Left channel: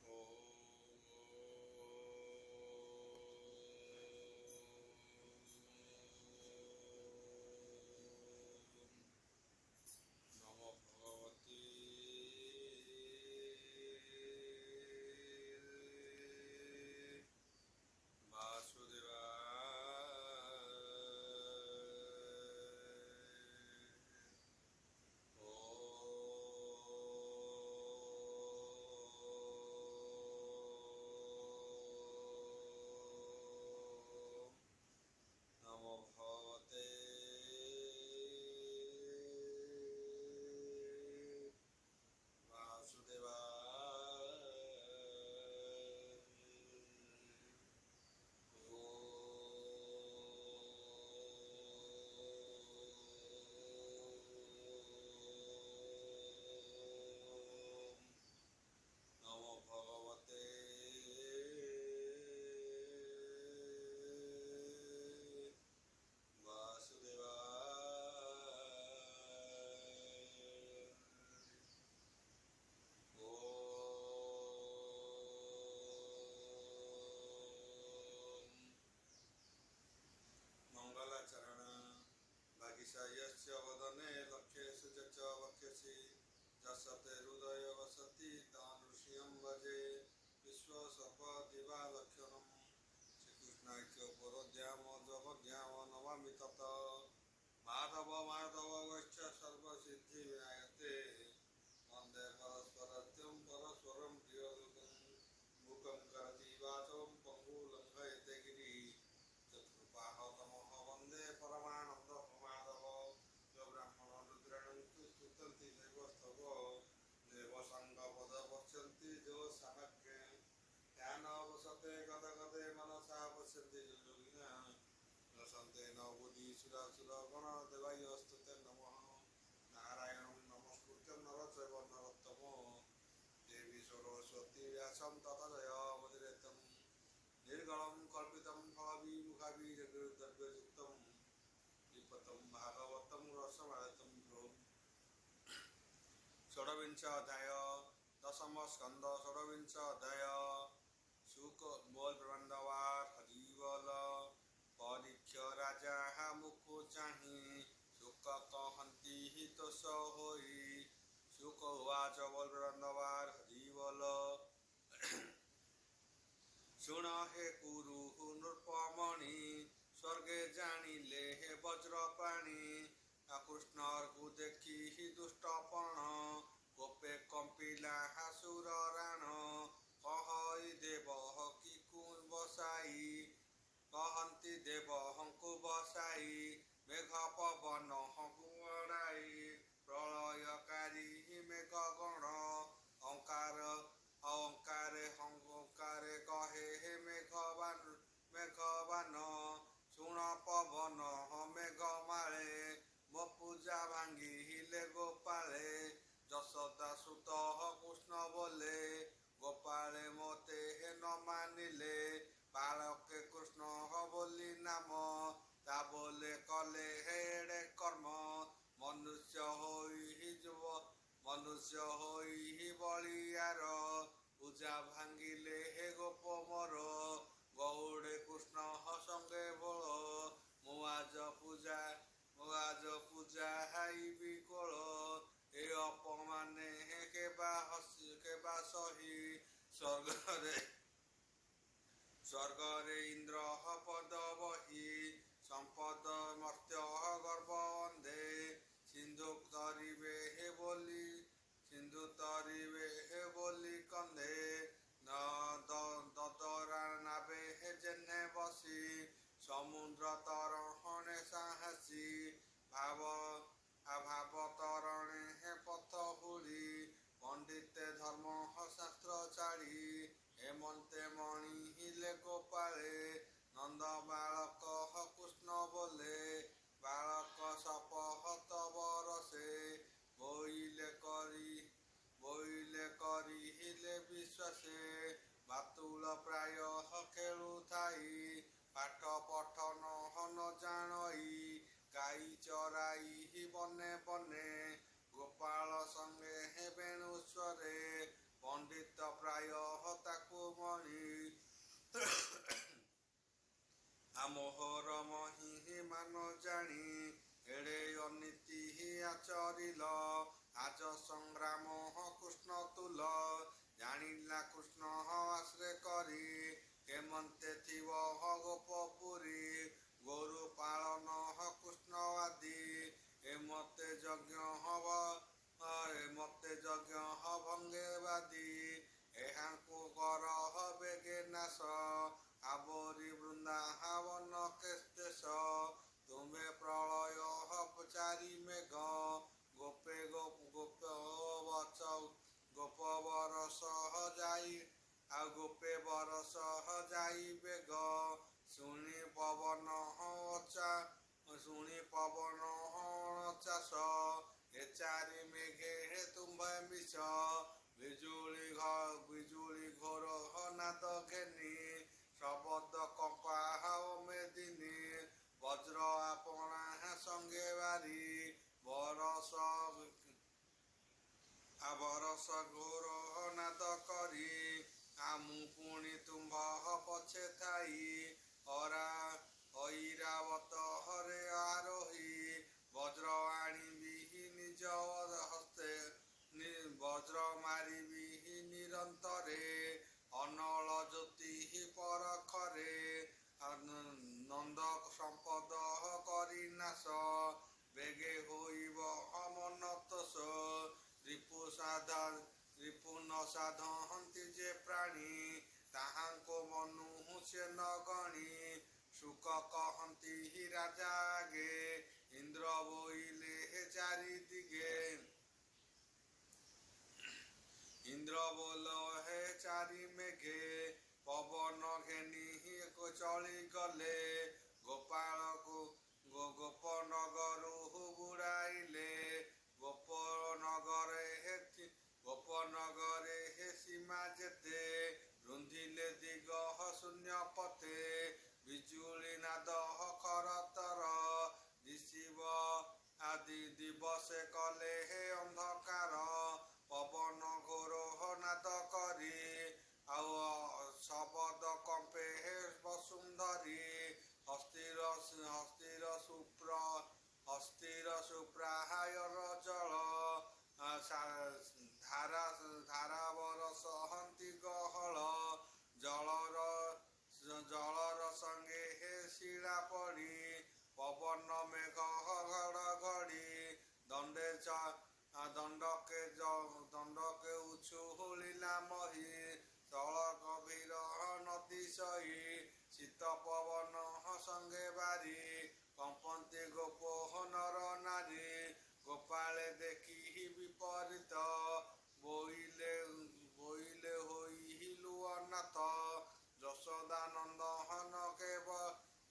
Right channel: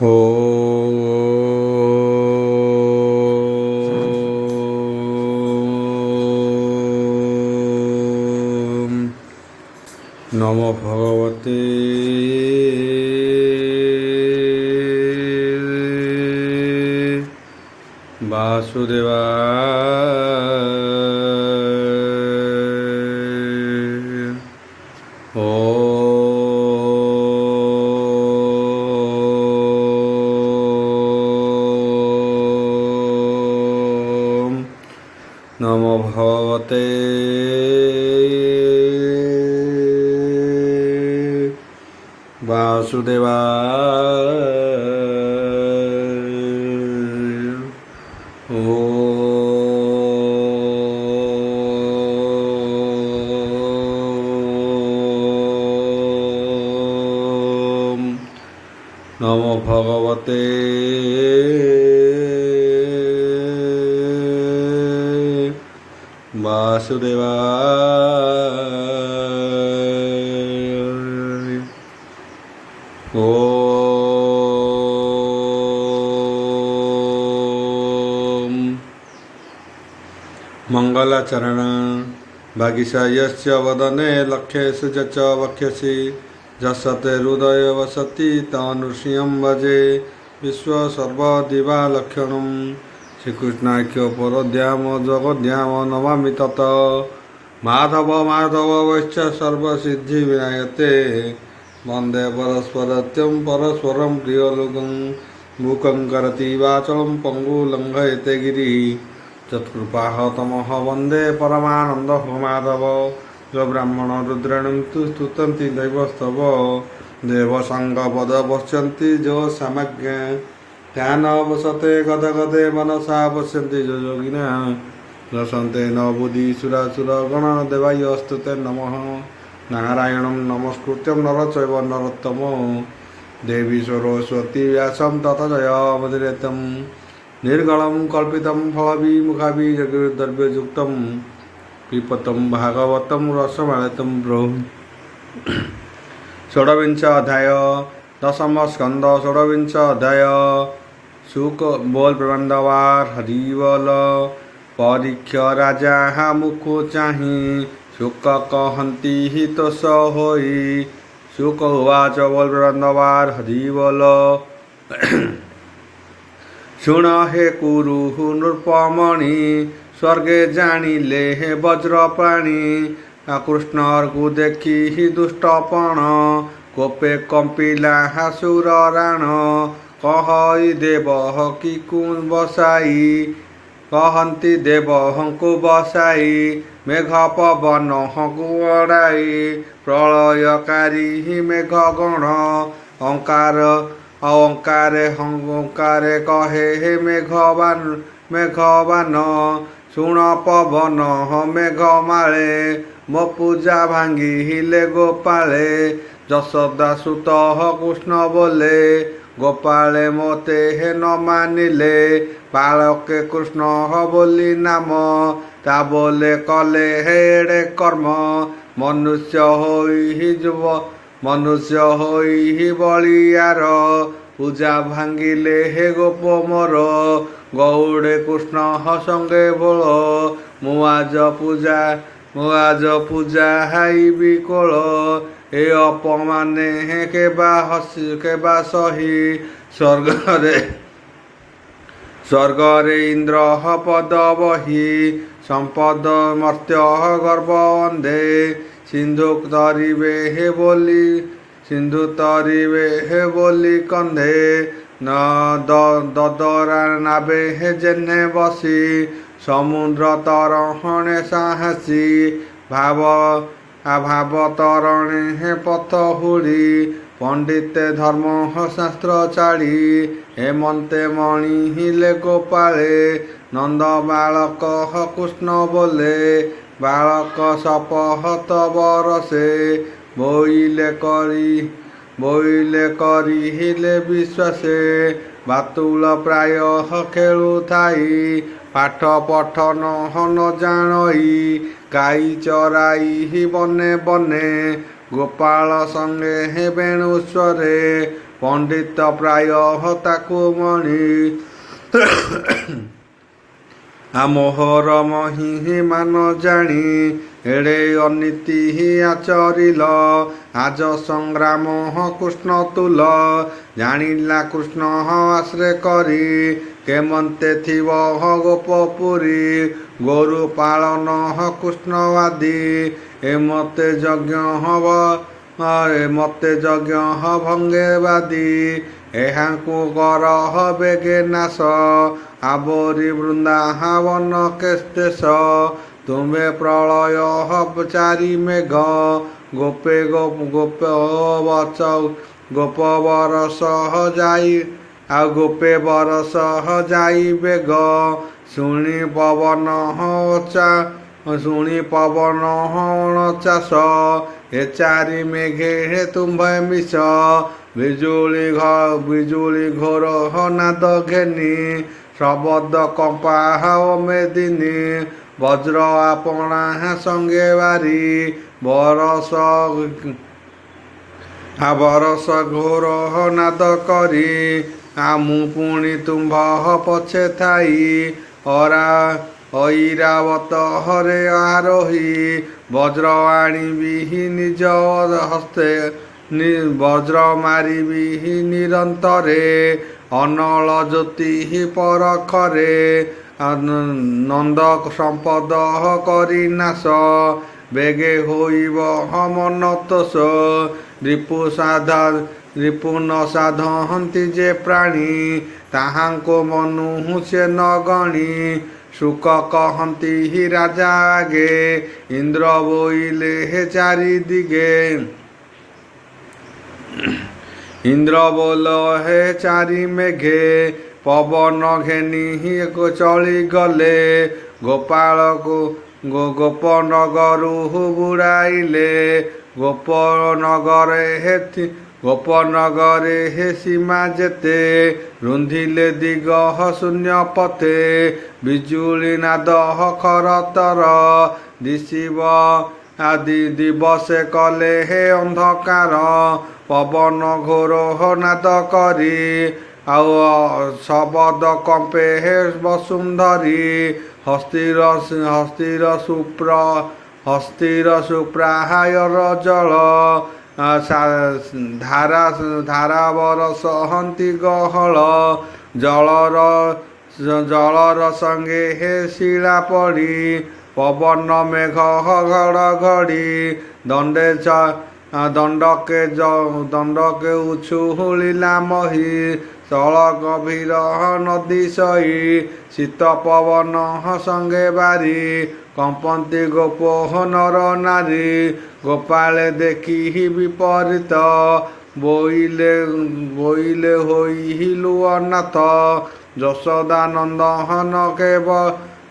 ওম নমো ভগবতে বাসুদেবায়। ওম নমো ভগবতে বাসুদেবায়। ওম নমো ভগবতে বাসুদেবায়। ওম মঙ্গলাচরণ ভাগীশা यस्य वदने लक्ष्येषु च वक्ष्यसि যশতে হৃদয় বসতি তনুষ্যম ভজে বিশ্বসর্বদিবা লক্ষণম। শ্রীকৃষ্ণাখ্য পরদ্যাম জগদ্যাম নমামি তত মাধব মাধব বৈশ্চ সর্বসিদ্ধি বিনায়তে বন্দে পরস্পরত্যম পরস্পরম প্রিয়লোকং মুখং করতি বাচলম পঙ্গু লঙ্ঘয়তে গিরি যৎকৃপাহ তমহ বন্দে পরমানন্দ মাধব। जो ब्राह्मण रुद्रणं तु स्तुतन्ति दैवस्तव देव संग पद पश्यन्ति जो समज्ञ ध्यान वसते गद गदे मनसा पश्यन्ति जो योगिना दशन्ते न बुद्धि सुरासुर गण देवायस्तुते नमः। नारायणं नमस्कृत्यं नर चैव नरोत्तमो देवी सरस्वती व्यासं तत जयमुदीरयेत्। निर्गलं कल्पितं फलविमुखाभिजगद्द्रव्ययुक्तं पिपतं भागवतं रसमालयं प्रभु। षोडविंश अध्याय दशम स्कंद षोडविंश अध्याय शुक बोल प्रबंधवार हरिवल परीक्ष राजा मुखो चाहि शुक कहती हितोष होई। शुक उवाच बोल प्रबंधवार हरिवल शुण हे कुरु नृपमणि स्वर्गे जानिले हे वज्रप्राणी कृष्णर को देखी ही दुष्टपण कोपे कंपिला हासुर राण कहई देव कि कुन बसाई कहती देव हंकु बसाई मेघ पवन हंकु अड़ाई प्रलयकारी ही मेघ गण अंकार अहंकारे हंकारे कहे हे मेघवान शुण पवन मेघ माले मो पूजा भांगी हिले गोपाले यशोदा सुत कृष्ण बोले गोपाले मोते हे न मानिले बालके कृष्ण बोली नाम ता बोले कले हेड़े कर्म मनुष्य होई ही बलियार पूजा भांगिले हे गोप मोर गौड़े कृष्ण संगे बोल मुआज पूजा हाई बिकोल ए अपमाने हे केबा सही स्वर्गरे इंद्र पद बही संपद मर्त्य गर्भ अंधे सिंधु तरिवे हे बोली कंधे न ददरा नाबे हे जेने बसी समुद्र तरहणे साहसी भाव तरणे हे पथ हुड़ी पंडिते धर्म शास्त्र चाड़ी हेमंते मणि हिले गोपाले नंद बालक कृष्ण बोले बालक सपहत बरसे बोइले करी हिले विश्वासे बातुल प्राय खेलु थाई पाठ पठन हन जानई गाई चराई ही बने बने गोपाल संगे हे बेणुस्वरे ପଣ୍ଡିତ ପ୍ରାୟ ତାକୁ ମଣି ମୋହର ମହିମାନ ଜାଣି ଏଡ଼େ ଅନୀତି ଆଚରିଲ ଆଜ ସଂଗ୍ରାମ କୃଷ୍ଣ ତୁଲ ଜାଣିଲା କୃଷ୍ଣ ଆଶ୍ରେ କରି କେମନ୍ତେ ଥିବ ଗୋପପୁରୀ ଗୋରୁ ପାଳନ କୃଷ୍ଣ ଆଦି ଏମତେ ଯଜ୍ଞ ହବ ମତେ ଯଜ୍ଞ ଭଙ୍ଗେବାଦୀ ଏହାଙ୍କୁ କର ବେଗେ ନାଶ ଆବରି ବୃନ୍ଦାବନ କେଶ ତୁମେ ପ୍ରଳୟ ଚାରି ମେଘ ଗୋପେ ଗୋପ ବରଷ ଯାଇ ଆଉ ଗୋପେ ବରଷ ଯାଇ ବେଗ ଶୁଣି ପବନ ଚାଷ ଏ ଚାରି ମେଘେ ତୁମ୍ଭେ ମିଶ ବିଜୁଳି ଘୋର ନାଦ ଘେନି ଶବଦ କମ୍ପା ମେଦିନୀ ବଜ୍ର ଆପଣା ସଙ୍ଗେ ବାରି ବରଷ ଘୋର ନାଦ କରି ମୁଁ ପୁଣି ତୁମ୍ଭ ପଛେ ଥାଇ ଐରାବତ ହରେ ଆରୋହୀ ବଜ୍ର ଆଣିବି ନିଜ ହସ୍ତେ ବଜ୍ର ମାରିବି ନିରନ୍ତରେ ଅନଳ ଜ୍ୟୋତି ପରଖରେ ନନ୍ଦ ସମ୍ପଦ କରି ନାଶ ବେଗେ ହୋଇବ ମନ ତୋଷ ରିପୁ ନ ସାଧନ୍ତି ଯେ ପ୍ରାଣୀ ତାହାଙ୍କୁ ମନୁ ସେ ନ ଗଣି ଶୁକ କହନ୍ତି ରାଜା ଆଗେ ଇନ୍ଦ୍ର ବୋଇଲେ ଚାରି ଦିଗେ ଇନ୍ଦ୍ର ବୋଲ ହେ ଚାରି ମେଘେ ପବନ ଘେନି ଚଳିଗଲେ ଗୋପାଳକୁ ଗୋପନଗରୁ ବୁଡ଼ାଇଲେ ଗୋପନଗରେ ହେ ସୀମା ଯେତେ ରୁନ୍ଧିଲେ ଦିଗ ଶୂନ୍ୟ ପତେ ବିଜୁଳି ନାଦ ଖରତର ଦିଶିବ ଆଦି ଦିବସେ କଲେ ହେ ଅନ୍ଧକାର ପବନ ଘୋର ନାଦ କରି ଆଉ ଶବଦ କମ୍ପେ ହେ ବସୁନ୍ଧରୀ ହସ୍ତିର ସୁପ୍ରାହାୟର ଜଳ ଧାରା ବରସହନ୍ତି ଗହଳ ଜଳର ସଙ୍ଗେ ହେ ଶିଳା ପଡ଼ି ପବନ ମେଘ ଘଡ଼ଘଡ଼ି ଦଣ୍ଡକେ ଉଛୁଳିଲା ମହି ସ୍ଥଳ ଗଭୀର ନଦୀ ସଇ ଶୀତ ପବନ ସଙ୍ଗେ ବାରି କମ୍ପନ୍ତି ଗୋପ ନର ନାରୀ ଗୋପାଳେ ଦେଖି ବିପରୀତ ବୋଇଲେ ହୋଇଲୁ ଅନାଥ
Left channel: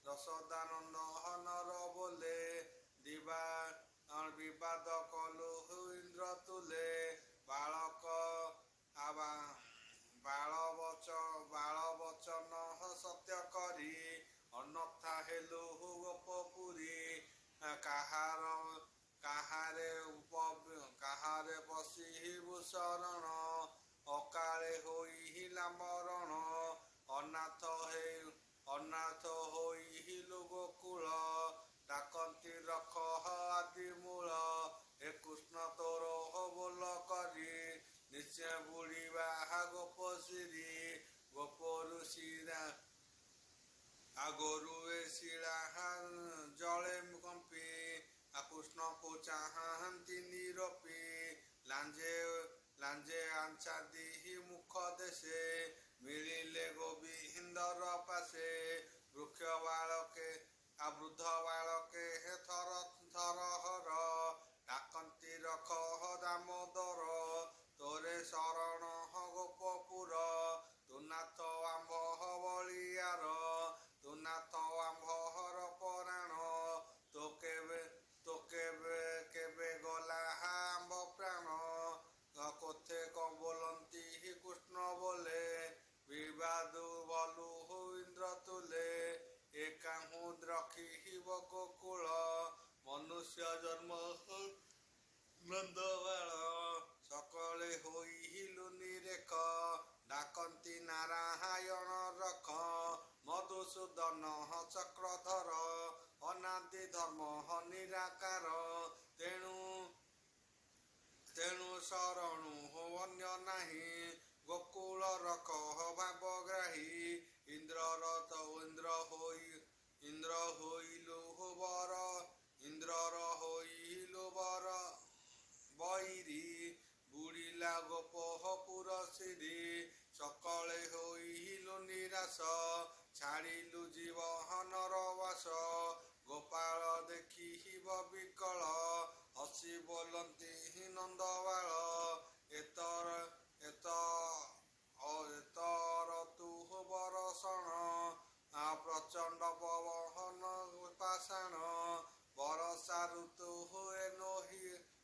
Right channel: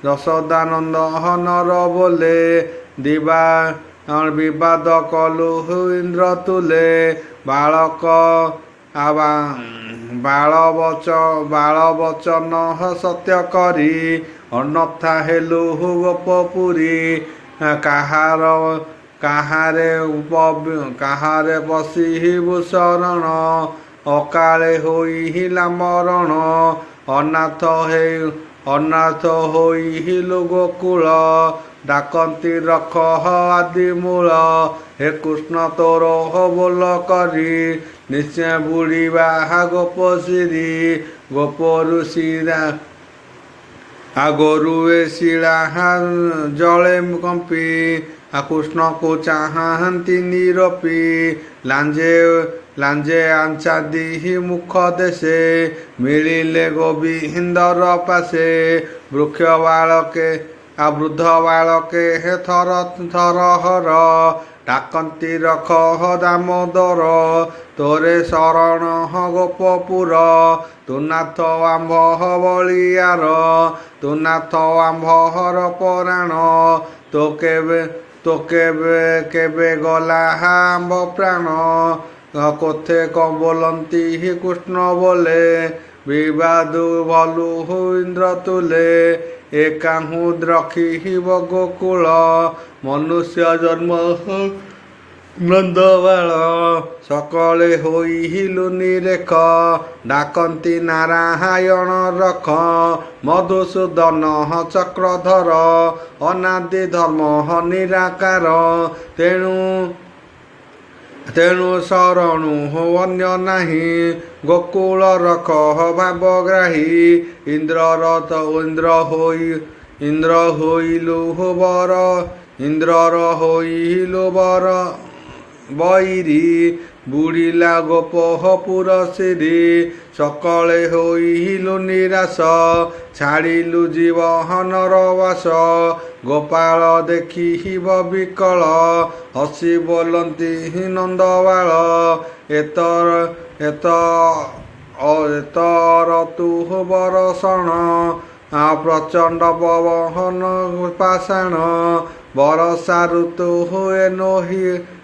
ଯଶୋଦାନନ୍ଦନର ବୋଲେ ବିବାଦ କଲୁ ଇନ୍ଦ୍ର ତୁଲେ ବାଳବଚନ ସତ୍ୟ କରି ଅନର୍ଥା ହେଲୁ ଗୋପପୁରୀ କାହାରେ ବସିବୁ ଶରଣ ଅକାଳେ ହୋଇଲା ମରଣ ଅନାଥ ହୋଇଲୁ ଗୋକୁଳ ଡାକନ୍ତି ରଖ ଆଦି ମୂଳ ହେ କୃଷ୍ଣ ତୋର ବୋଲ କରି ନିଶ୍ଚୟ ବୁଡ଼ିବା ଗୋପଶିରୀ ଗୋପରୁ ଶିରା ଗୋରୁ ଏ ଶିଳା ଜଳେ କମ୍ପି କୃଷ୍ଣକୁ ଚାହାନ୍ତି ନିରପି ଲାଞ୍ଜେ ଆଞ୍ଚାଦି ମୁଖ ଦେଶେ ମିଳିଲେ ଗୋବିନ୍ଦର ପାଶେ ବୃଦ୍ଧ ବାଳକେ ଥର ହର ଡାକନ୍ତି ରଖ ଦାମୋଦର ତୋରେ ଶରଣ ଗୋପପୁର ତୁନାଥ ଆମ୍ଭ ବଳିଆର ତୁନାଥ ଆମ୍ଭର ପରାଣ ତୋ କେବେ ଗଲା ଆମ୍ଭ ପ୍ରାଣ କୋଥେ ବୋଲନ୍ତି କୃଷ୍ଣ ବୋଲେ ବିବାଦୁ ଭଲୁ ଇନ୍ଦ୍ର ତୁଲେ ଏକାହୁ ରଖିବ ଗୋକୁଳ ମନୁଷ୍ୟ ଜନ୍ମ ନନ୍ଦବାଳ ସକଳେ ହୋଇଲୁ ନିରେଖ, ଡାକନ୍ତି ନାରାୟଣ ରଖ। ମଧୁସୂଦନ ଚକ୍ରଧର, ଅନାଦି ଧର୍ମ ନିରାକାର। ତେଣୁ ଶରଣୁ ଅନ୍ୟ ନାହିଁ, ଗୋକୁଳ ରଖ ଭାବଗ୍ରାହୀ। ଇନ୍ଦ୍ରର ହୋଇଲୁ ବର ବୈରୀ, ବୁଡ଼ିଲା ଗୋପପୁର ଶିରୀ। ସକଳେ ହୋଇଲୁ ନିରାଶ, ଛାଡ଼ିଲୁ ଜୀବନର ବାସ। ଗୋପାଳ ଦେଖିବ ବିକଳ, ହସି ବୋଲନ୍ତି ନନ୍ଦବାଳ। ଏତର ତୁ ବରଷଣ, ପ୍ରଚଣ୍ଡ ପବନ ପାଷାଣ। ବରଷା ଋତୁ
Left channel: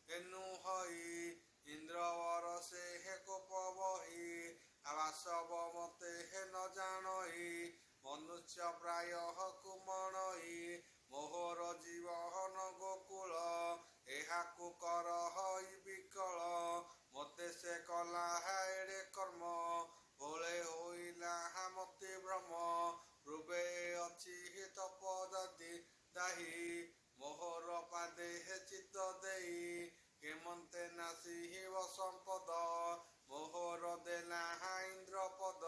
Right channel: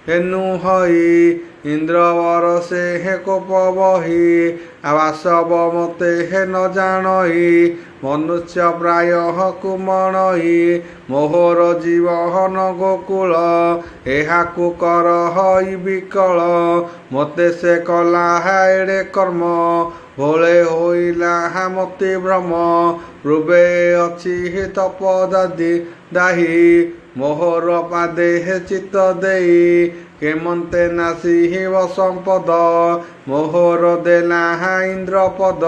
ଏନୁ ହଇ, ଇନ୍ଦ୍ର ବରଷେ କୋପ ବହି। ବାସବ ମତେ ନ ଜାଣଇ, ମନୁଷ୍ୟ ପ୍ରାୟ କୁମଣଇ। ମୋହର ଜୀବନ ଗୋକୁଳ, ଏହାକୁ କରହଇ ବିକଳ। ମୋତେ ସେ କଲା ଏଡ଼େ କର୍ମ, ଭୋଳେ ହୋଇଲା ମତି ଭ୍ରମ। ପୂର୍ବେ ଅଛି ତପଦାହି, ମୋହର ପାଦେ ଚିତ୍ତ ଦେଇ। କେମନ୍ତେ ନାସିବ ସମ୍ପଦ, ମୋହର ଦେଲା ଇନ୍ଦ୍ରପଦ।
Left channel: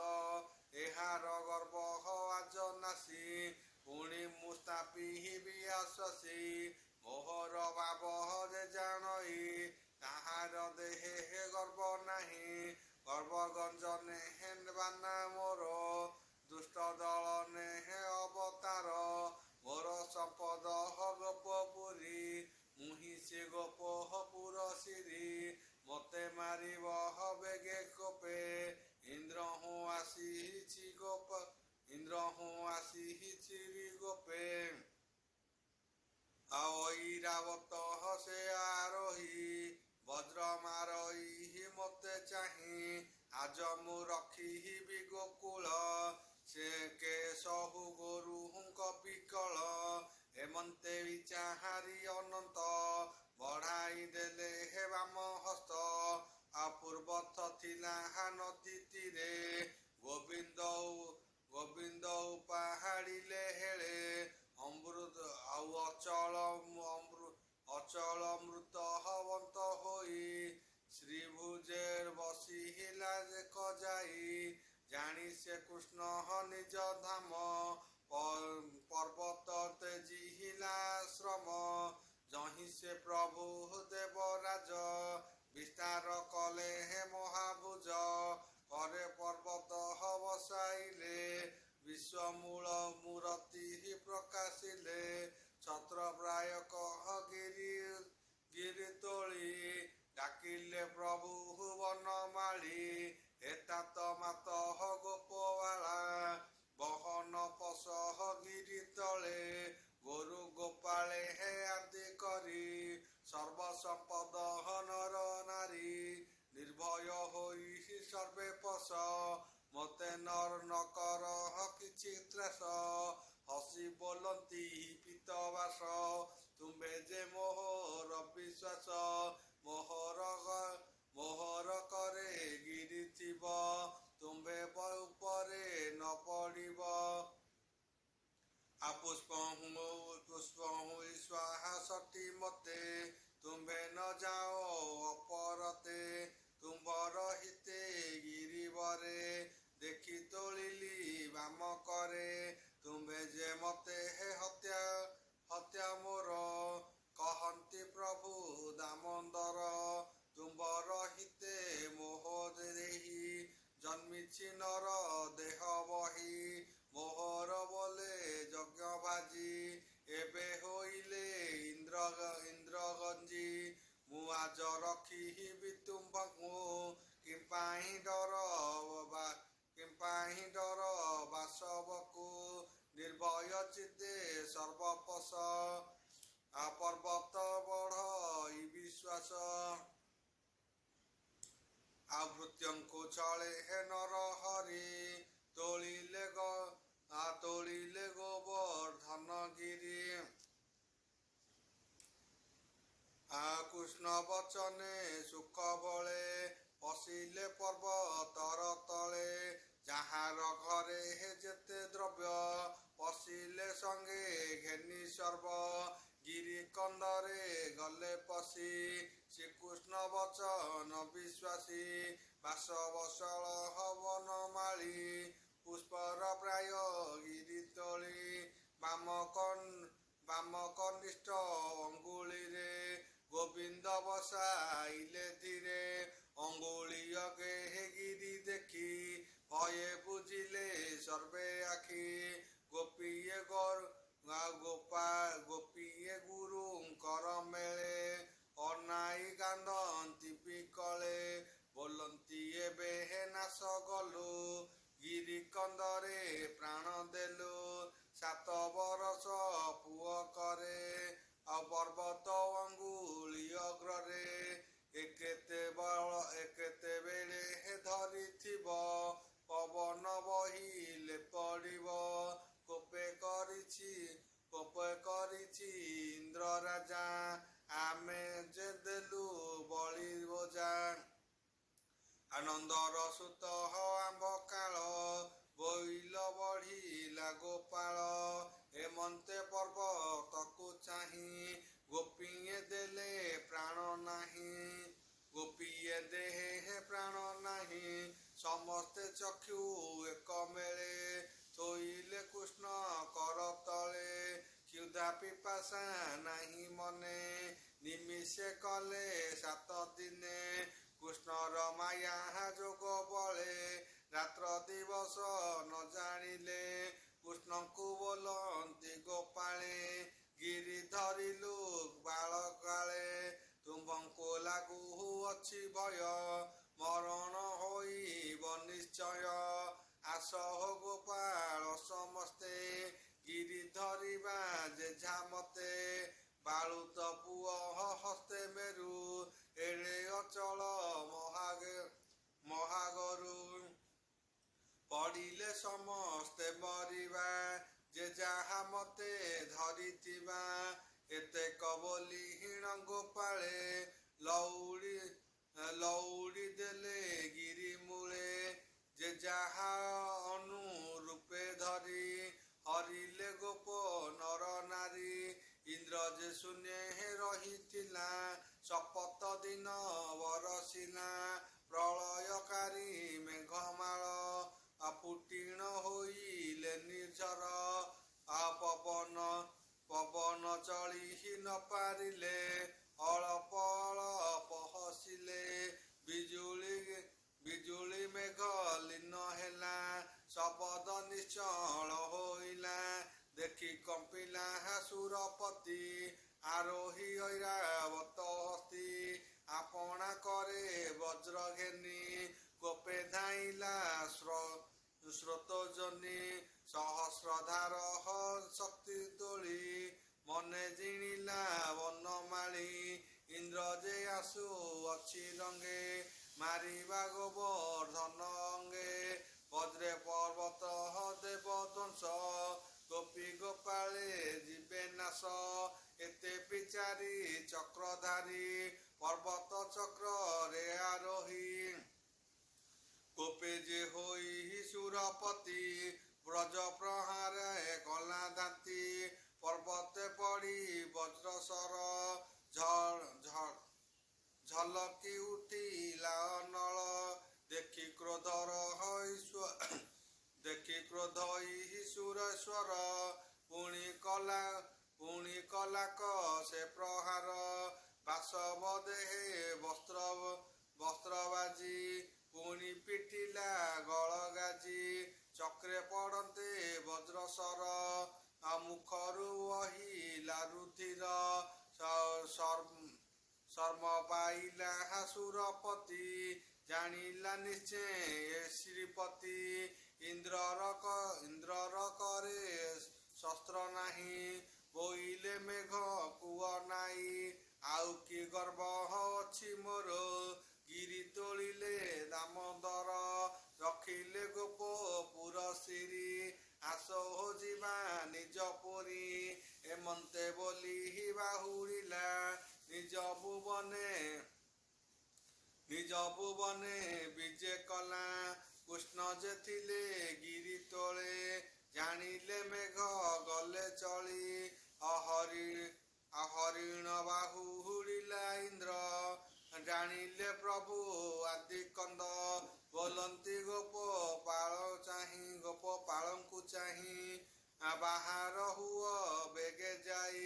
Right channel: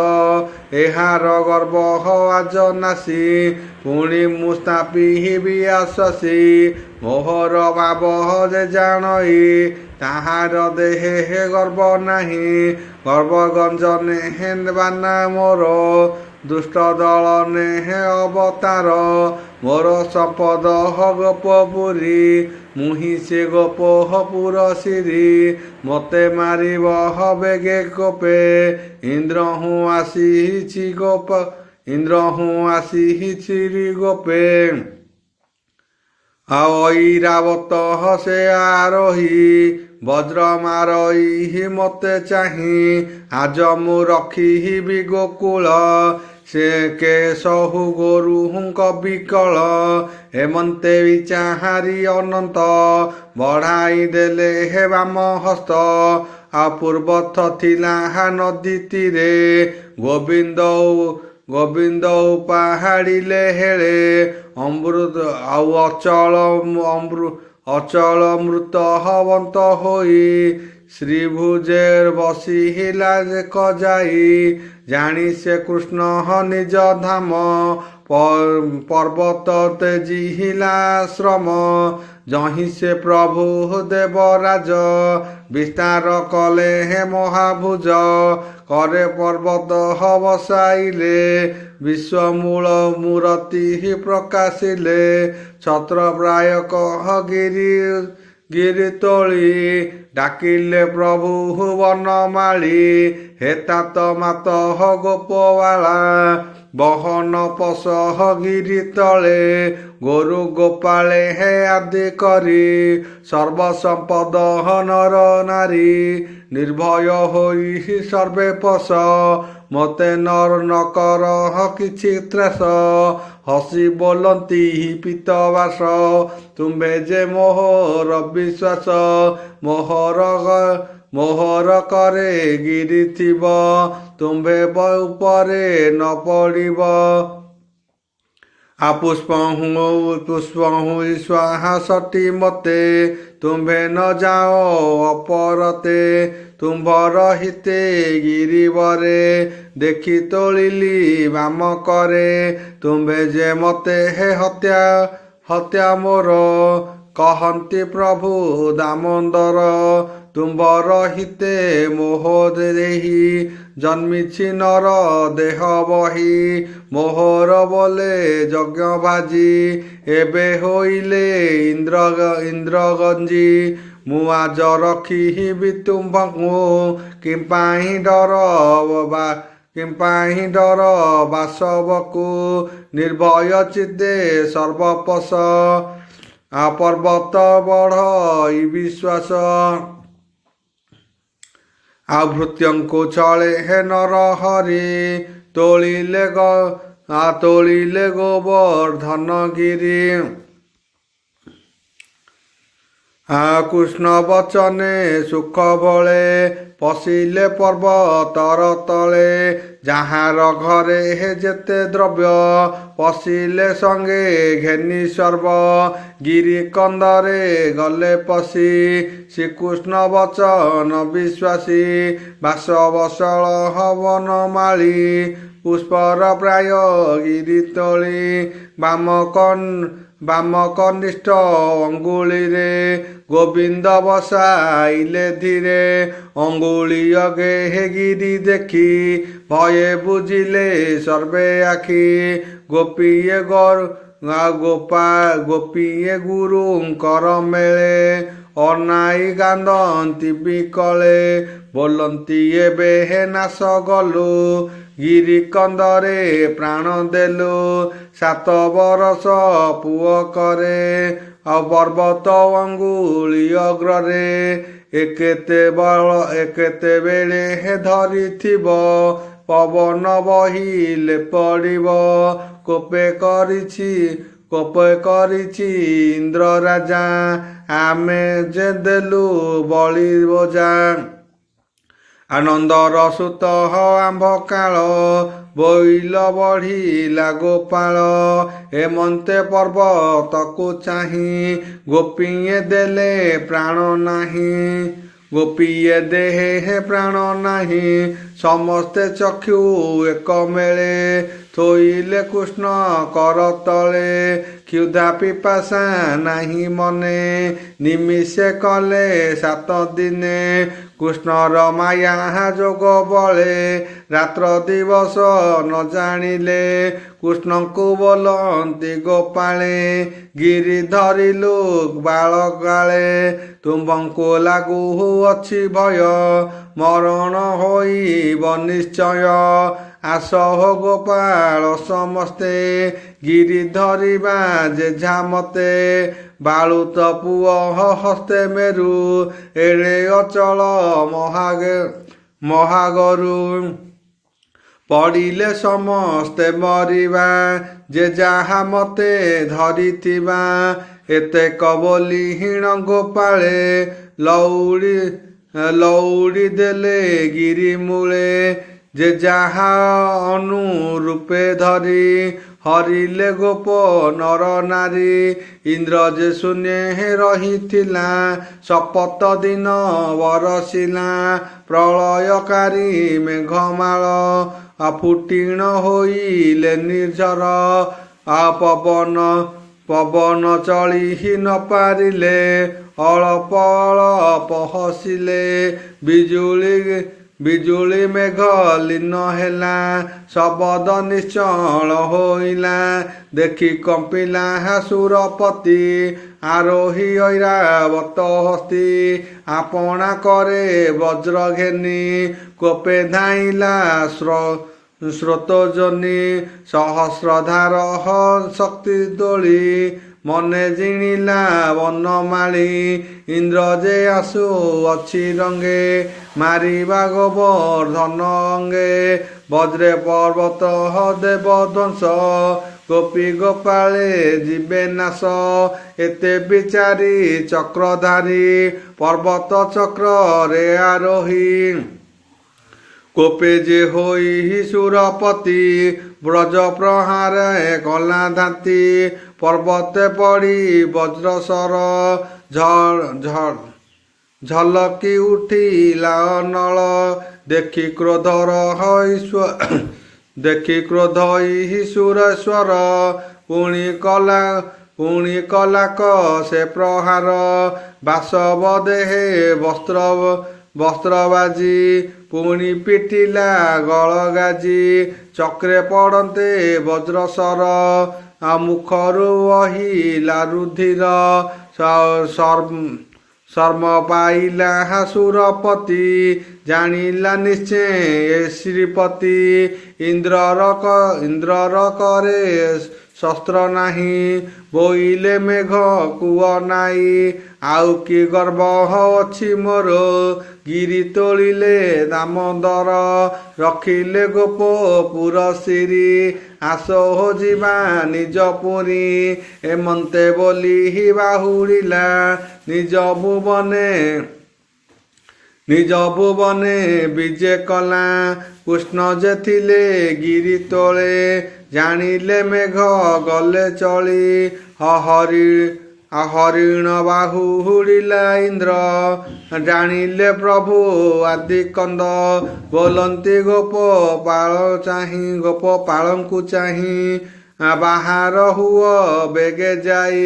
ଏହାର ଗର୍ବ ଆଜ ନାସି, ପୁଣି ମୁଁ ସ୍ଥାପିବି ଆଶ୍ୱାସୀ। ମୋହର ଭାବ ଯେ ଜାଣଇ, ତାହାର ଦେହେ ଗର୍ବ ନାହିଁ। ଗର୍ବ-ଗଞ୍ଜନେ ବାନା ମୋର, ଦୁଷ୍ଟ ଦଳ ନେହେ ଅବତାର। ମୋର ସମ୍ପଦ ଗୋପପୁରୀ, ମୁହିଁ ସେ ଗୋପପୁର ଶିରୀ। ମୋତେ ମାରିବ ବେଗେ କୋପେ, ଇନ୍ଦ୍ର ହୁଁ ଆସିଛି ଗୋପେ। ଐରାବତ ସେ ଆରୋହୀ, ବଜ୍ର ମାରଇ ମୋତେ ଚାହିଁ। ଆଜ ମୁଁ ରଖିବି ଗୋକୁଳ, ସେ କେଶହୁ ଗୋରୁଙ୍କ ବିକଳ। ହେମନ୍ତେ ବିଚାହାରି ଅନନ୍ତ, ବଢ଼ାଇ ଦେଲେ ବାମ ହସ୍ତ। ପୂର୍ବଥ ଥିଲା ନଦୀ ତୀରେ, ଗୋବିନ୍ଦ ପାହାଡ଼ିଲେ ହେଳେ। ଅଚଳ ମୃତ ବନ୍ତ ହୋଇ, ଶ୍ରୀଭୁଜେ ବସିଲା ଯାଇ। ଜାଣି ସେ କୃଷ୍ଣ ନିଜ ଧାମ, ପର୍ବତ ତେଜିଲା ଶ୍ରମ। ଯହିଁ ସେ ପ୍ରଭୁ ଦେବରାଜ, ବିସ୍ତାର କଲେ ମହାଭୁଜ। କରେ ପର୍ବତ ବସାଇଲେ, ବିଶ୍ୱମୂଳ ମୂରତି ପ୍ରକାଶିଲେ। ଛତ୍ରପ୍ରାୟ ଗିରି ତୋଳି, ଡାକିଲେ ପ୍ରଭୁ ବନମାଳୀ। ହେ तात ମାତ ଗୋପବାଳା, ବହନ ପୋଷ ଗିରି ତଳେ। ଗୋରୁ ଗୋପାଳେ ଆଦି କରି, ସର୍ବସମ୍ପଦ ନର ନାରୀ। ନିର୍ଭୟ ହୋଇ ସର୍ବେ ପୋଷ, ମୋତେ ନ କର କିଛି ତ୍ରାସ। ହସି ବୋଲନ୍ତି ପୀତବାସ, ତୁମ୍ଭେ ଯେ ମୋହର ବିଶ୍ୱାସ। ମୋହର କରେ ଗିରି ଥିବ, ତୁମ୍ଭେ ଉପରେ ନ ପଡ଼ିବ। ପୁଷ୍ପହୁଁ ଶ୍ୱାସଟି ମତେ, ତୁମ୍ଭେ ନ ଯାଅ ଅପରତେ। ତୁମ୍ଭର ହିତେ ଗିରିବରେ, ଦେଖି ତୋଳିଲି ବାମ କରେ। ତୁମ୍ଭେ ଯେ ମତେ ହତ୍ୟା ମୋର, କହନ୍ତି ପ୍ରଭୁ ଦାମୋଦର। ତୁମ୍ଭର ହିତେ ମୋହ ଦେହି, ଜନ୍ମିଛି ନର ଦେହ ବହି। ମୋହର ବୋଲେ ଯଜ୍ଞ ଭାଜି, ଏବେ ହୋଇଲେ ଇନ୍ଦ୍ରଗଞ୍ଜି। ମୁଁ ଆଜ ରଖିବି ତୁମ୍ଭଙ୍କୁ, କିମ୍ପାଇଁ ଡର ବାସବକୁ। ନିର୍ଭୟ ଚିତ୍ତେ ସର୍ବପୋଷ, ପର୍ବତ ବଢ଼ଇ ବିଶ୍ୱାସ। ଭୃତ୍ୟଙ୍କୁ ଚଳେ ନରହରି, ତୋଳିଲେ ଗୋବର୍ଦ୍ଧନ ଗିରି। କୃଷ୍ଣ ବଚନେ ସୁଖ ବଳେ ପଶିଲେ ପର୍ବତର ତଳେ ଯାହାର ଘରେ ଯେତେ ଦ୍ରବ୍ୟ ପଶିଲେ ସଙ୍ଗେ ଘେନି ସର୍ବ ଗିରି କନ୍ଦରେ ଗଲେ ପଶି ଶ୍ରୀକୃଷ୍ଣ ବଚନ ବିଶ୍ୱାସୀ ବାସ ବସଳ ହବନ ମାଳି ପୁଷ୍ପର ପ୍ରାୟ ଗିରି ତଳି ବାମ କନିଷ୍ଠ ଅଙ୍ଗୁଳିରେ ଗୋବିନ୍ଦ ବସାଇଲେ ଧୀରେ ଅଙ୍ଗୁଳି ଅଗେ ଗିରି ଦେଖି ଭୟେ ବୁଝିଲେ ସର୍ବେ ଆଖି ଗୋପୀଏ ଗୋପୀଏ ଗୁରୁଙ୍କର ମେଳେ ଅନାଇ କାନ୍ଦନ୍ତି ବିକଳେ ବୋଲନ୍ତି ଏବେ ହେ ନାଶ ଗଲୁ ଗିରି କନ୍ଦରେ ପ୍ରାଣ ଦେଲୁ 7 ବରଷ ପୁଅ କରେ ପର୍ବତ ଅଙ୍ଗୁଳି ଅଗ୍ରରେ ଏକେତେବେଳେ ଧରିଥିବ ପବନ ବହିଲେ ପଡ଼ିବ କୋପେ କରିଛି ଇନ୍ଦ୍ର ରାଜା ଆମେ ଯେ ଦେଲୁ ବଳି ବୋଜା ଆନନ୍ଦର ସୁତ ଆମ୍ଭ କାଳ ବୋଇଲ ବଢ଼ିଲା ଗୋପାଳ ଏମନ୍ତେ ପର୍ବତକୁ ଚାହିଁ ଗୋପୀଏ ଦେଲେ ପ୍ରାଣ ନାହିଁ ଗୋପୀଏ ଦେହେ ପ୍ରାଣ ନାହିଁ ସମସ୍ତେ ଚକ୍ଷୁ ଏକ ମେଳେ ଥୋଇଲେ କୃଷ୍ଣ କର ତଳେ କ୍ଷୁଧା ପିପାସା ନାହିଁ ମନେ ନିମିଷେ କଲେ 7 ଦିନେ କୃଷ୍ଣର ମାୟା ଯୋଗ ବଳେ ରାତ୍ର ଦିବସ ନ ଜାଣିଲେ କୃଷ୍ଣଙ୍କୁ ବୋଲନ୍ତି ଗୋପାଳେ ଗିରି ଧରିଲୁ ବାଳକାଳେ ତୁମ୍ଭଙ୍କୁ ଲାଗୁ ଅଛି ଭୟ ମରଣ ହୋଇବ ନିଶ୍ଚୟ ଆସ ହୋ ଗୋପାଳ ସମସ୍ତେ ଗିରି ଧରିବା ଯେଝା ମତେ ବାଳୁତ ପୁଅ ହସ୍ତେ ମେରୁ ଏଡ଼େ ଅଚଳ ମହାଗରୁ ପଡ଼ିଲେ ସମସ୍ତେ ମରିବା ଯେ ଯାହା ମତେ ଧରିଥିବା ଏତେକ ବୋଲି ହୀଣ ଗୋପାଳେ ଲଉଡ଼ି ଦେଲେ ଗିରି ମୂଳେ ଯେ ଯାହା ଅନୁରୂପେ ଧରି ହରିଲେ ଗୋପ ନର ନାରୀ ଇନ୍ଦ୍ର ଯେ ଶୂନ୍ୟ ରହିଥିଲା ଶପଥ ଦିନ ବରସିଲା ପ୍ରଳୟକାରୀ ମେଘମାଳ ଫୁଟିଣ ହୋଇଲେ ନିର୍ଝର ପବନ ଚଳି ନ ପାରିଲେ ଅଳ୍ପ ହସିଲେ ବିଜୁଳି ମେଘ ଲୀନ ହେଲା ଶବଦ ନିଶ୍ଚଳ ହୋଇଲା ଦେଖି କମ୍ପିଲା ସୁରପତି ଆରୋହୀ ଐରାବତ ହସ୍ତି ଆପଣା କରେ ବଜ୍ର ଘେନି କୋପେ ଧାଇଁଲା ସ୍ରୋତଜନି ସହସ୍ରଧାର ଶକ୍ତି ଦୋଳି ମନେ ଜିଣିଲା ବନମାଳି ଇନ୍ଦ୍ର ଯେ ଆସୁ ଅଛି ରଙ୍ଗେ ମାରିବା ଗୋବର୍ଦ୍ଧନ ଅଙ୍ଗେ ବଜ୍ରେ ପର୍ବତ ଦେବ ଧ୍ୱଂସ ଗୋପୀ ଗୋପାଳେ ଯିବେ ନାଶ ଏତେ ବିଚାରି ଚକ୍ରଧାରୀ ପର୍ବତ ଚକ୍ରରେ ଆରୋହୀ କୋପେ ଯେ ହୋଇ ସୁରପତି ବ୍ରଜ ପ୍ରହାରେ କଲା ଧାନ୍ତି ପର୍ବତେ ପଡ଼ି ବଜ୍ରସର ଝଲକି ଉଠିଲା ଅନଳ ଦେଖି କ୍ରୋଧ ଈଶ୍ୱର ପୁଣି କଲାକ ସେ ପ୍ରହାର ବାସବ ଦେହେ ବସ୍ତ୍ର ବାଜି ପୁଣି ପିଟିଲା ଗଳଗାଜି ଚକ୍ରେ ପଡ଼ନ୍ତେ ବଜ୍ରସର ମୁଖରୁ ବହିଲା ରୁଧିର ଶର୍ମ ପାଇଲା ସୁରପତି ଜାଣିଲା ନିଶ୍ଚୟ ଶ୍ରୀପତି ଇନ୍ଦ୍ରର କରେ ଶସ୍ତ୍ର ନାହିଁ ବୋଇଲେ ମେଘ କୁଅ ନାଇଁ ଆଉ କି ଗର୍ବ ଅଛି ମୋର ଗିରି ତୋଳିଲେ ଦାମୋଦର ରଖିଲେ ଗୋପପୁର ଶିରି ଆସ ହୋ ଯିବା ନିଜ ପୁରୀ ଏମନ୍ତେ ବୋଲି ବାହୁଡ଼ିଲା ନିଜ ଭୁବନେ ବିଜେ କଲା କୃଷ୍ଣ ଯେ ଥିଲେ ଗିରି ତଳେ ଜାଣିଲେ ମେଘ ଗଲେ ଚଳି ହରିଣ ବାହୁ ହୁଡ଼ିଲା ଇନ୍ଦ୍ର ଜାଣିଲେ ପ୍ରଭୁ ଆଦି କନ୍ଦ ବୋଲନ୍ତି ଗୋପ ପାଳଙ୍କୁ ଚାହିଁ ବାହାର ହୁଅ ବେଗେ ଯାଇ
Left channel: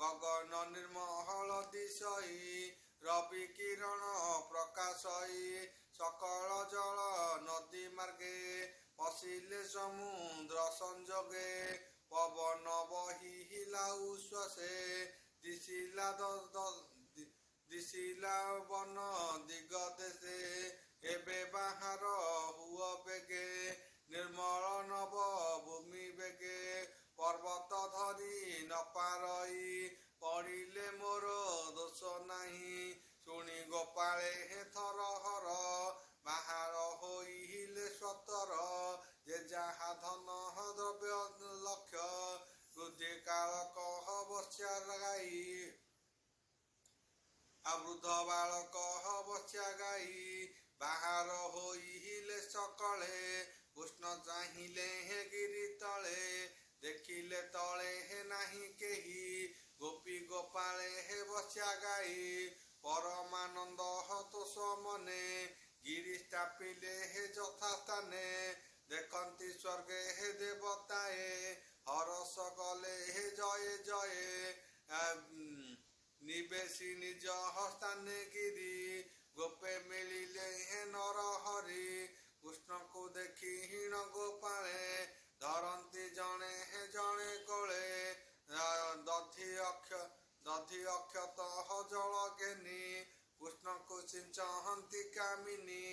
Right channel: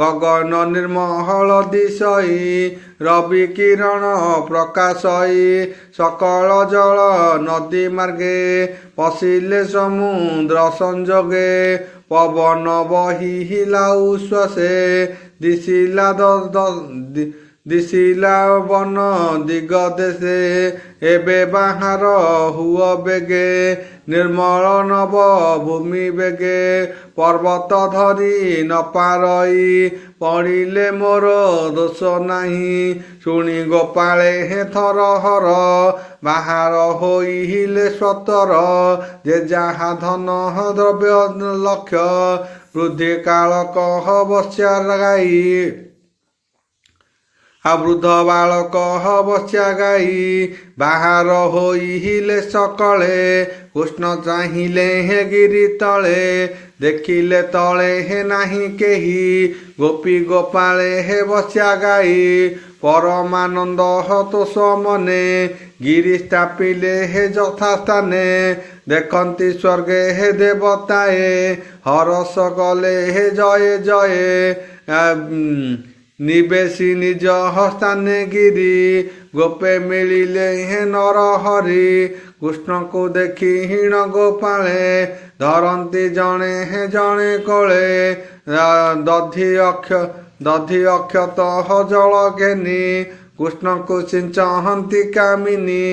ଗଗନ ନିର୍ମଳ ଦିଶଇ ରବି କିରଣ ପ୍ରକାଶଇ ସକଳ ଜଳ ନଦୀ ମାର୍ଗେ ପଶିଲେ ସମୁଦ୍ର ସଂଯୋଗେ ପବନ ବହିଲା ଉଶ୍ୱାସେ ଦିଶିଲା ବନ ଦିଗ ଦେଶେ ଏବେ ବାହାର ହୁଅ ବେଗେ ନିର୍ମଳ ନବ ଭୂମି ବେଗେ ପର୍ବତ ଧରି ନ ପାରଇ ପଡ଼ିଲେ ମୋର ଦୋଷ ନାହିଁ ଶୁଣି ଗୋପାଳେ ଥର ହର ବାହାର ହୋଇଲେ ସତର ଯେ ଯାହା ଧନ ଦ୍ରବ୍ୟ ଲକ୍ଷ ବୃଦ୍ଧି କାଳ କହ ବସ୍ୟା ଗାଇ ବୃଦ୍ଧ ବାଳକ ବସ୍ୟା ଗାଇ ବାହାର ହୋଇଲେ ସକଳେ କୃଷ୍ଣ ଚାହିଁଲେ ଗିରି ତଳେ ଦେଖିଲେ ତଳେ ନାହିଁ କେହି ଗୋପୀ ଗୋପାଳେ ବସ୍ୟା ଗାଇ ପରମାନନ୍ଦ ତୋଷ ମନେ ଗିରି ସ୍ଥାପିଲେ ଯଥାସ୍ଥାନେ ଦେଖନ୍ତି ସ୍ୱର୍ଗେ ଦେବତାଏ ହରସ କଲେ ଜୟ ଜୟ ନିବେଶୀ ନିଜ ହସ୍ତାନେ ଗିରି ଗୋପେ ମିଳିଲେ ନର ହରି କୃଷ୍ଣଙ୍କୁ ଦେଖି ହୀଣ ଗୋପାଳେ ଧରନ୍ତି ଜଣେ କୋଳେ ଦଧି ଅକ୍ଷତ ଜଳ ଘେନି କୃଷ୍ଣଙ୍କୁ ସିଞ୍ଚନ୍ତି କାମିନୀ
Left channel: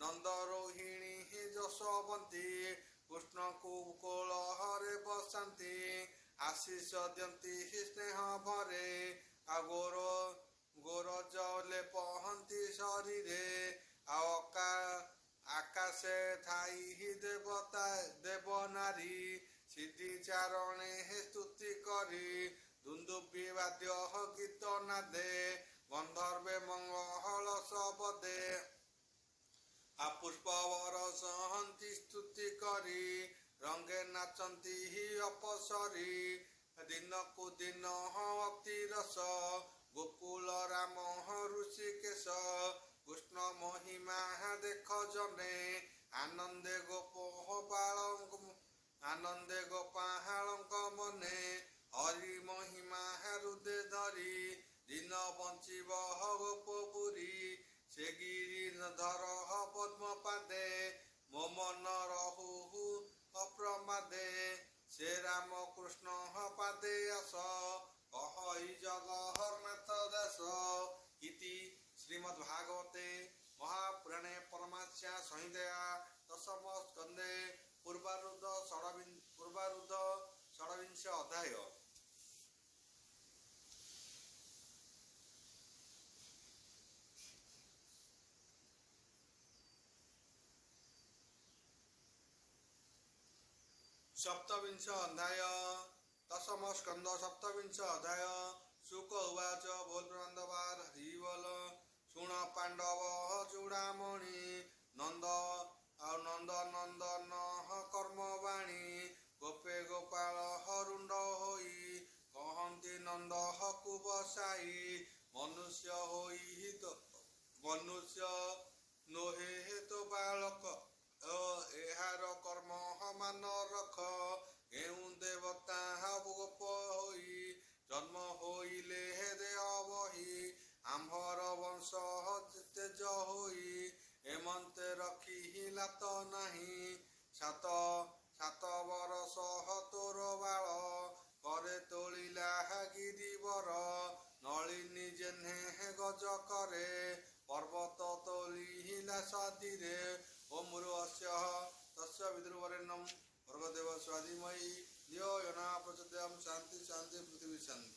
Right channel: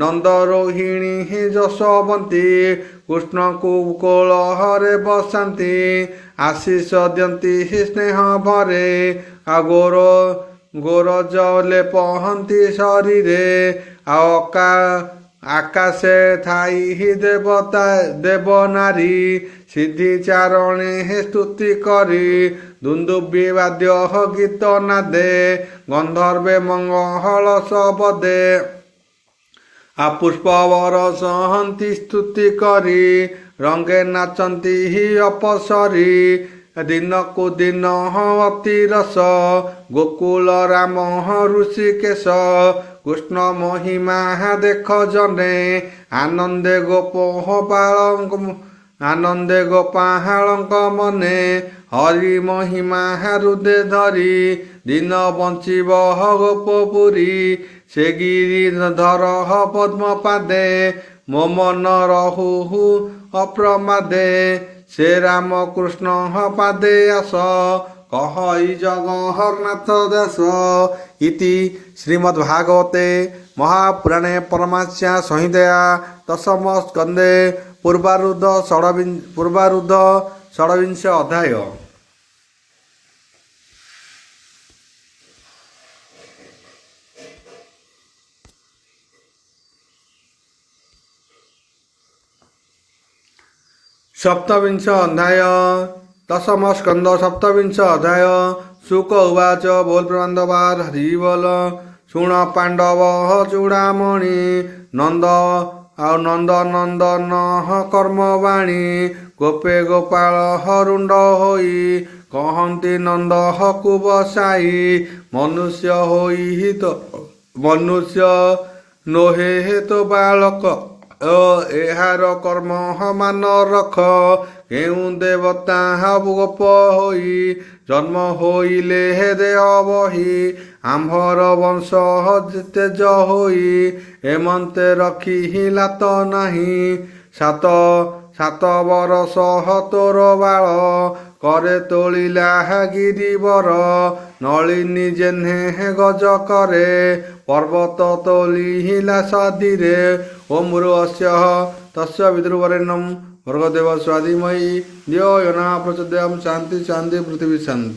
ନନ୍ଦ ରୋହିଣୀ ଯଶୋବନ୍ତୀ କୃଷ୍ଣଙ୍କୁ କୋଳରେ ବସାନ୍ତି ଆଶିଷ ଦିଅନ୍ତି ସ୍ନେହ ଭରେ ଗୋରଜ ଲେପହନ୍ତି ଶରୀରେ ଆକାଶେ ଥାଇ ଦେବ ନାରୀ ସିଦ୍ଧି ଚାରଣେ ସ୍ତୁତି କରି ଦୁନ୍ଦୁବି ବାଦ୍ୟ ଗୀତ ନାଦେ ଗନ୍ଧର୍ବେ ମଙ୍ଗଳ ଶବଦେ ପୁଷ୍ପବର ସହନ୍ତି ସ୍ତୁତି କରି ରଙ୍ଗେ ନାଚନ୍ତି ଅପସରୀ ଦିନକୁ ଦିନ ଅତି ରସ ଗୋକୁଳ ରାମ ଋଷିକେଶ କୃଷ୍ଣ ମହିମା ଦେଖ ଜନେ ଆନନ୍ଦେ ଗୋପାଳଙ୍କ ମନେ ହରି ମହିମା ହୃଦେ ଧରି ଦିନ ବଞ୍ଚିବ ଗୋପପୁରୀ ସେ ଗିରିଧର ପଦ୍ମ ପାଦେ ମୋ ମନ ରହୁ ଅପ୍ରମାଦେ ସେ ରାମ କୃଷ୍ଣ ପାଦେ ଆସ କହଇ ଜଗନ୍ନାଥ ଦାସ ଇତି ଶ୍ରୀମଦ୍ଭାଗବତେ ମହାପୁରାଣେ ପରମାଂସ୍ୟା ସଂହିତାୟା ଦଶମ ସ୍କନ୍ଧେ ପୂର୍ବାରୁଧ ଷଡ଼ବିଂଶ ଅଧ୍ୟାୟ। ସପ୍ତବିଂଶ ଅଧ୍ୟାୟ ଦଶମ ସ୍କନ୍ଧ ସପ୍ତବିଂଶ ଅଧ୍ୟାୟ। ଶୁକ ଉବାଚ ବୋଲ ପ୍ରବନ୍ଧବାର ହରି ବୋଲ ଶୁଣ ପାଣ୍ଡବ ଚୂଡ଼ାମଣି ନନ୍ଦନ କର୍ମବାଣୀ ଗୋପେ ଗୋପାଳ ରୁଣ୍ଡ ହୋଇ କହନ୍ତି ନନ୍ଦ ହକୁ ବସାଇ ମନୁଷ୍ୟ ନୋହେ ତ ବାଳକ ଏହାର କର୍ମ ମାନ ରଖ କେଉଁ ଦେବତା ଗୋପ ହୋଇ ଜନ୍ମ ହୋଇଲେ ଦେହ ବହି ଆମ୍ଭର ବଂଶ ତେଜ ହୋଇ ଏମନ୍ତେ ରଖିଲା ତ ନାହିଁ ସାତ ବରଷ ତୋର ବାଳ करे तोलिला गिरिवर नलिनी जेन्हे गज करे पर्वत तोलिला सदिरे ओम अस्य तस्य विदुर्वरेण्यं भर्गदेव स्वाधीमहि धियो यो न प्रचोदयात् शान्ति शान्ति पृथिवी शान्ति।